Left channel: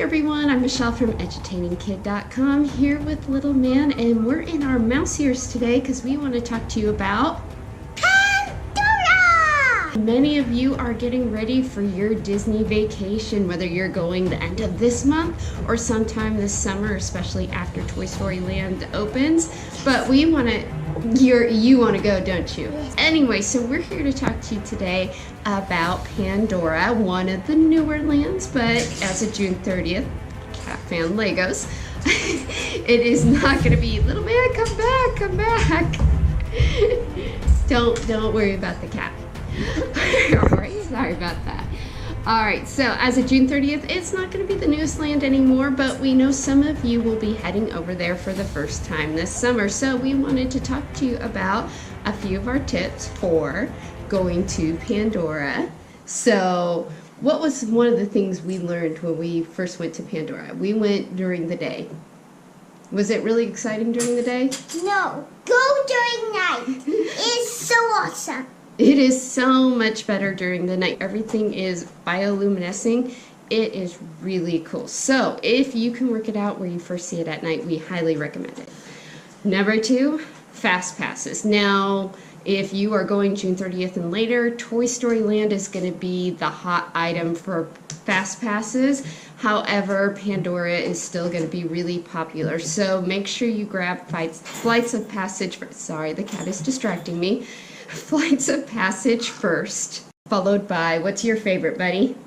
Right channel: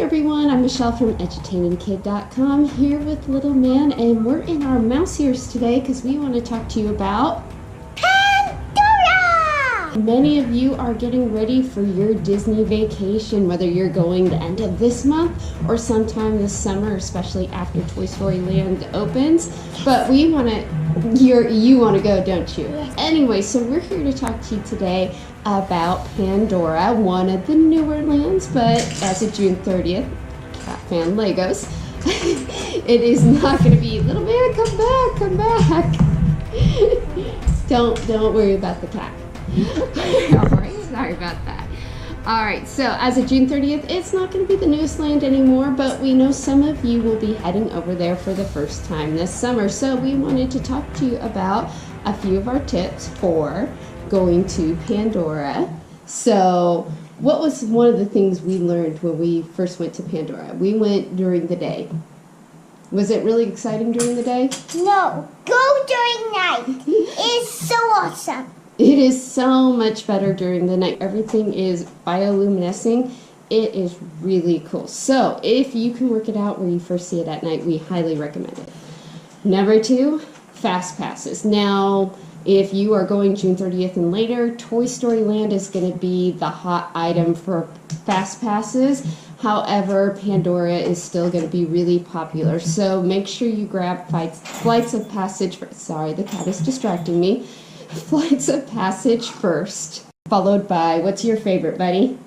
everyone, I'm Michelle from EdutainingKid.com here with Little Man, and we're in our mouse ears today because we want to talk to you about Pandora! Many of you are getting ready for your Disney vacation, whether you're going the end of this month or sometime this summer, especially after Toy Story Land opens. But we want to you want to go, don't you? Yes. Anyway, so we're here to talk to you today about Pandora, one of the newer lands, but as of June 30th, Cat Fan Legos, it is not going to be, Little Man, come back, come back. Don't worry about the cat. All right, sorry about that. All right, so as of June 30th, it's not going to be the newest land anymore, but we know some of you will be heading over there for the first time this summer. So we wanted to talk to you about a few of our tips for going to Pandora. So what was one of the things we learned when we first went to Pandora? We went during the day. Was it really exciting during the day? No, go during night. It's so awesome. It is so much better during the night. Everything is bioluminescing. It is really cool. So if you can work it out where you first see it at night, we highly recommend it. Number 2, fast passes. Now, if you are going June 30th and later, Toy Story Land is going to be the hot item for fast passes. However, Pandora is still going to be really popular. So make sure you grab flights of passage. Sorry, the cat is distracting me. Flights of passage first, followed by, what's your favorite, buddy?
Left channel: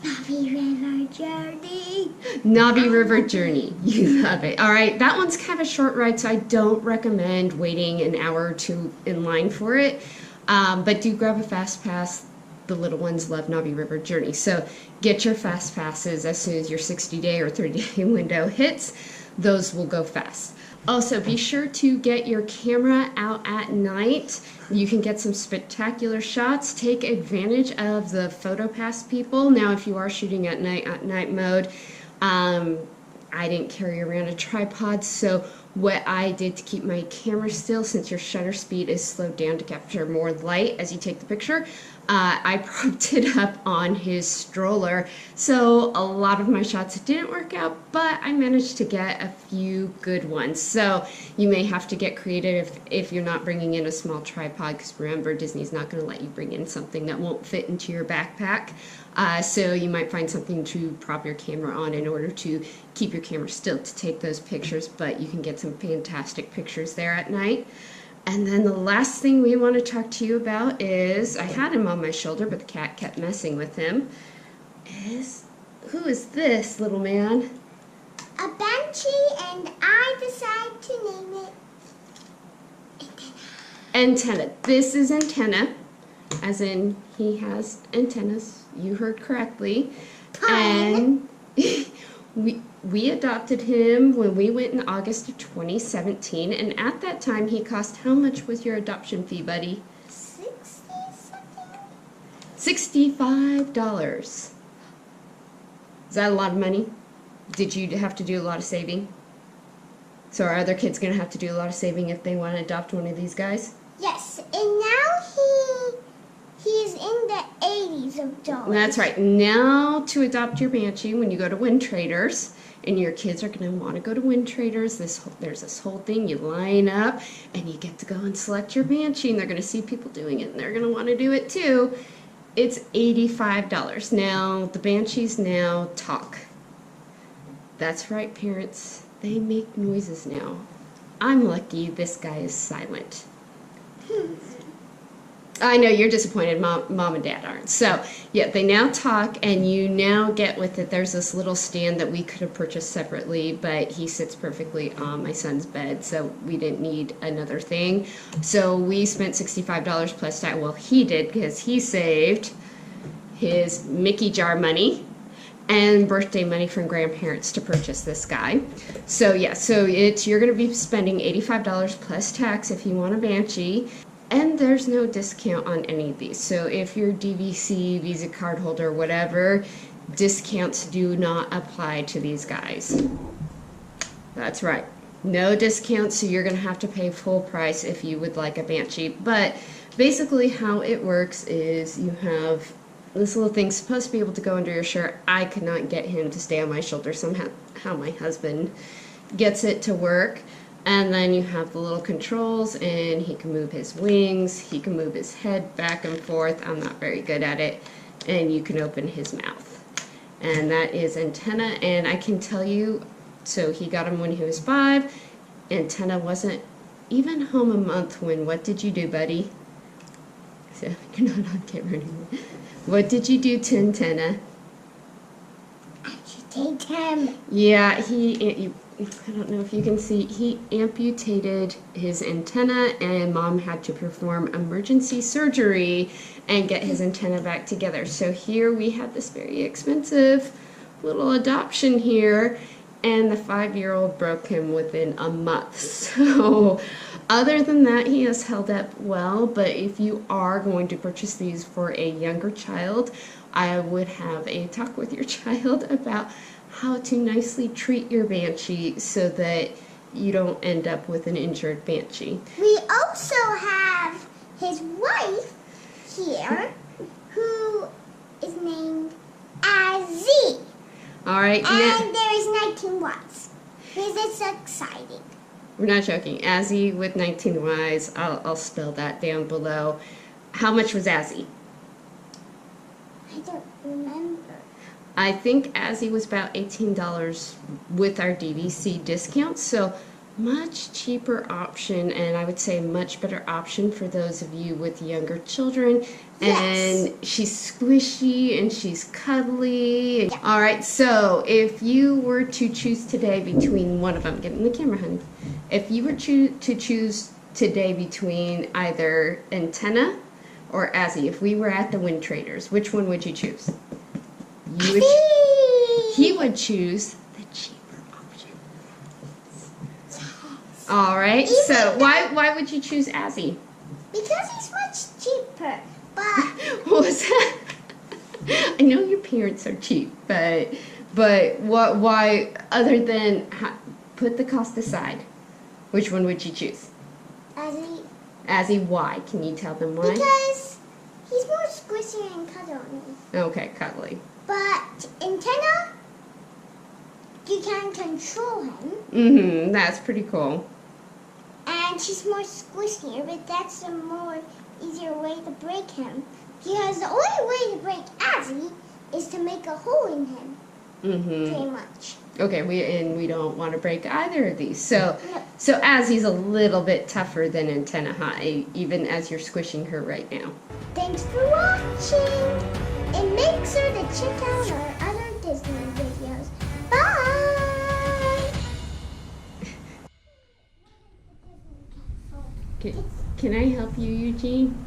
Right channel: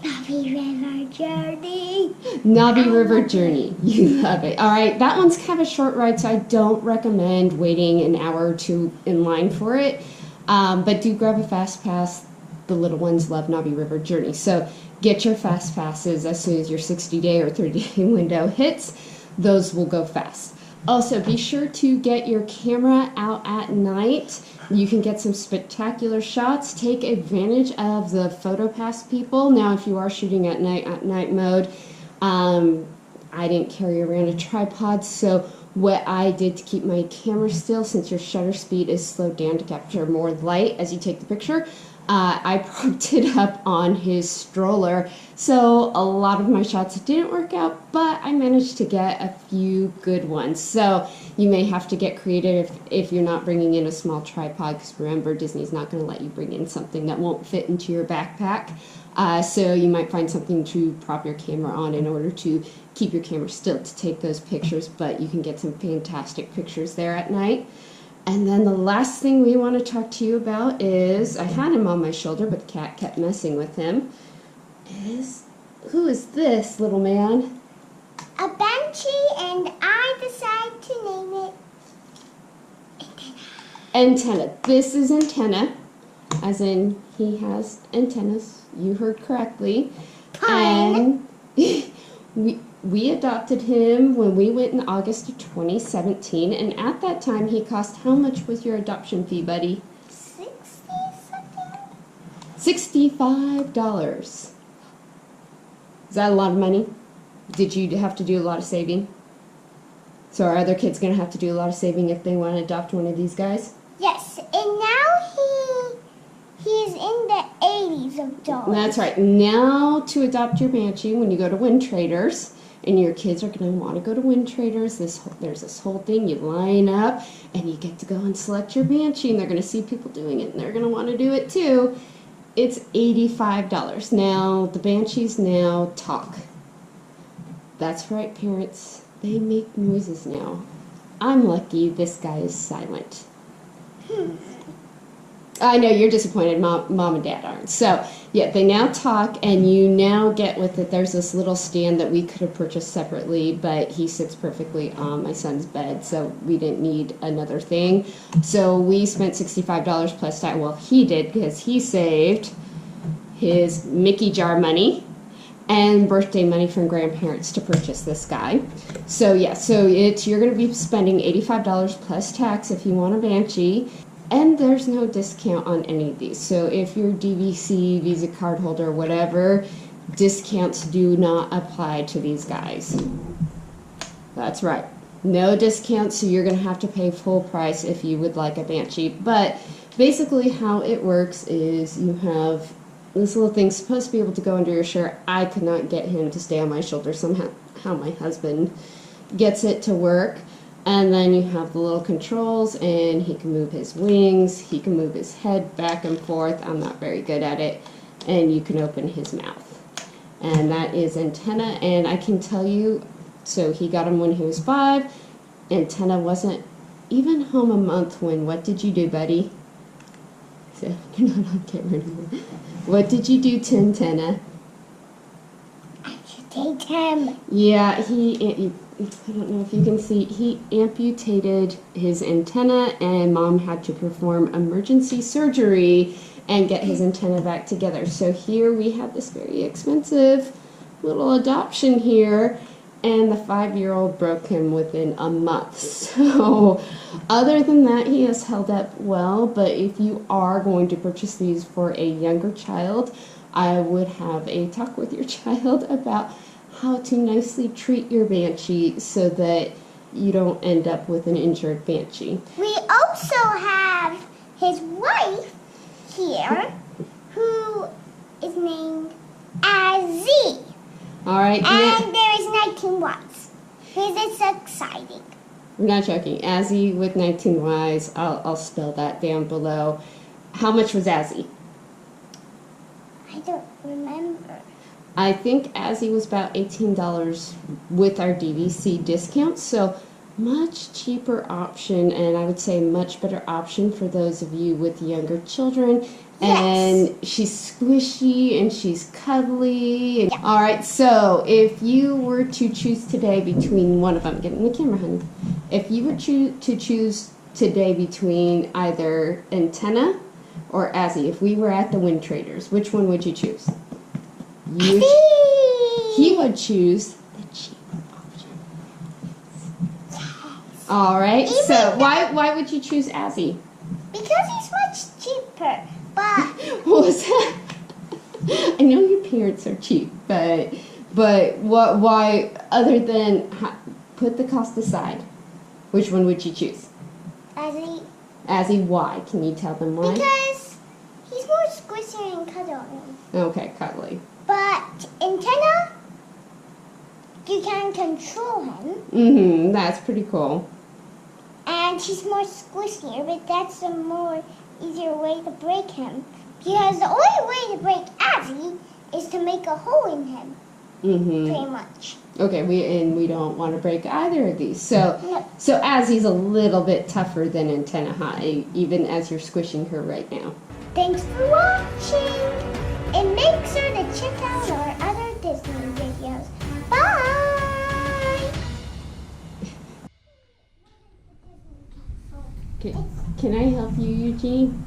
Navi River Journey. Navi River Journey. You love it. All right, that one's kind of a short ride, so I don't recommend waiting an hour or two in line for it. But do grab a fast pass. The little ones love Navi River Journey. So get your fast passes as soon as your 60-day or 30-day window hits. Those will go fast. Also, be sure to get your camera out at night. You can get some spectacular shots. Take advantage of the PhotoPass people. Now, if you are shooting at night mode, I didn't carry around a tripod, so what I did to keep my camera still, since your shutter speed is slowed down to capture more light as you take the picture, I propped it up on his stroller. So a lot of my shots didn't work out, but I managed to get a few good ones. So you may have to get creative if you're not bringing in a small tripod, because remember, Disney's not going to let you bring in something that won't fit into your backpack. So you might find something to prop your camera on in order to keep your camera still to take those pictures, but you can get some fantastic pictures there at night. And then the last thing we want to talk to you about is, I had him on my shoulder, but the cat kept messing with him, who is this, Little Man? A Banshee, and I decided to name it Antenna. This is Antenna, as in he has antennas. You heard correctly. Pun. And we adopted him when we went in August of 2017, and at that time he cost, how much was your adoption fee, buddy? $60-something? $65. Is that a lot of money? Did you have to do a lot of saving? So are other kids going to have to do a lot of saving if they want to adopt one of these guys? Yes, and now he's in the 80s of dollars. That's right. Now to adopt your Banshee, when you go to Windtraders, and your kids are going to want to go to Windtraders, there's this whole thing. You line up, and you get to go and select your Banshee, and they're going to see people doing it, and they're going to want to do it too. It's $85. Now, the Banshees now talk. That's right, parents. They make noises now. I'm lucky this guy is silent. I know you're disappointed, Mom and Dad aren't. So, yeah, they now talk, and you now get with it. There's this little stand that we could have purchased separately, but he sits perfectly on my son's bed, so we didn't need another thing. So we spent $65 plus tax. Well, he did, because he saved his Mickey jar money and birthday money from grandparents to purchase this guy. So, yeah, you're going to be spending $85 plus tax if you want a Banshee. And there's no discount on any of these. So if you're DVC, Visa card holder, whatever, discounts do not apply to these guys. That's right. No discounts, so you're going to have to pay full price if you would like a Banshee. But basically how it works is you have this little thing's supposed to be able to go under your shirt. I could not get him to stay on my shoulder. Somehow my husband gets it to work. And then you have the little controls, and he can move his wings. He can move his head back and forth. I'm not very good at it. And you can open his mouth. And that is Antenna. And I can tell you, so he got him when he was 5. Antenna wasn't even home a month when, what did you do, buddy? So you're not on camera anymore. What did you do to Antenna? Amputate him. Yeah, I don't know if you can see, he amputated his antenna, and Mom had to perform emergency surgery and get his antenna back together. So here we have this very expensive little adoption here, and the 5-year-old broke him within a month. So other than that, he has held up well, but if you are going to purchase these for a younger child, I would have a talk with your child about how to nicely treat your Banshee so that you don't end up with an injured Banshee. We also have his wife here, who is named Azzy. All right. And there is 19 Ys. Because it's exciting. We're not joking. Azzy with 19 Ys. I'll spell that down below. How much was Azzy? I don't remember. I think Azzy was about $18 with our DVC discount, so much cheaper option, and I would say much better option for those of you with younger children. Yes. And she's squishy and she's cuddly. Yeah. All right, so if you were to choose today between one of them, get in the camera, honey. If you were to choose today between either Antenna or Azzy, if we were at the Windtraders, which one would you choose? He would choose the cheaper option. Yes. All right. Even So why would you choose Azzy? Because he's much cheaper. But What was that? I know your parents are cheap, but what? Why? Other than put the cost aside, which one would you choose? Azzy, why? Can you tell them why? Because he's more squishy and cuddly. Okay, cuddly. But Antenna, you can control him. Mm-hmm. That's pretty cool. And he's more squishier, but that's a more easier way to break him. Because the only way to break Azzy is to make a hole in him. Mm-hmm. Pretty much. Okay, we don't want to break either of these. So No. so Azzy's a little bit tougher than Antenna, huh? Even as you're squishing her right now. Thanks for watching. And make sure to check out our other Disney videos. Bye! Can I help you, Eugene?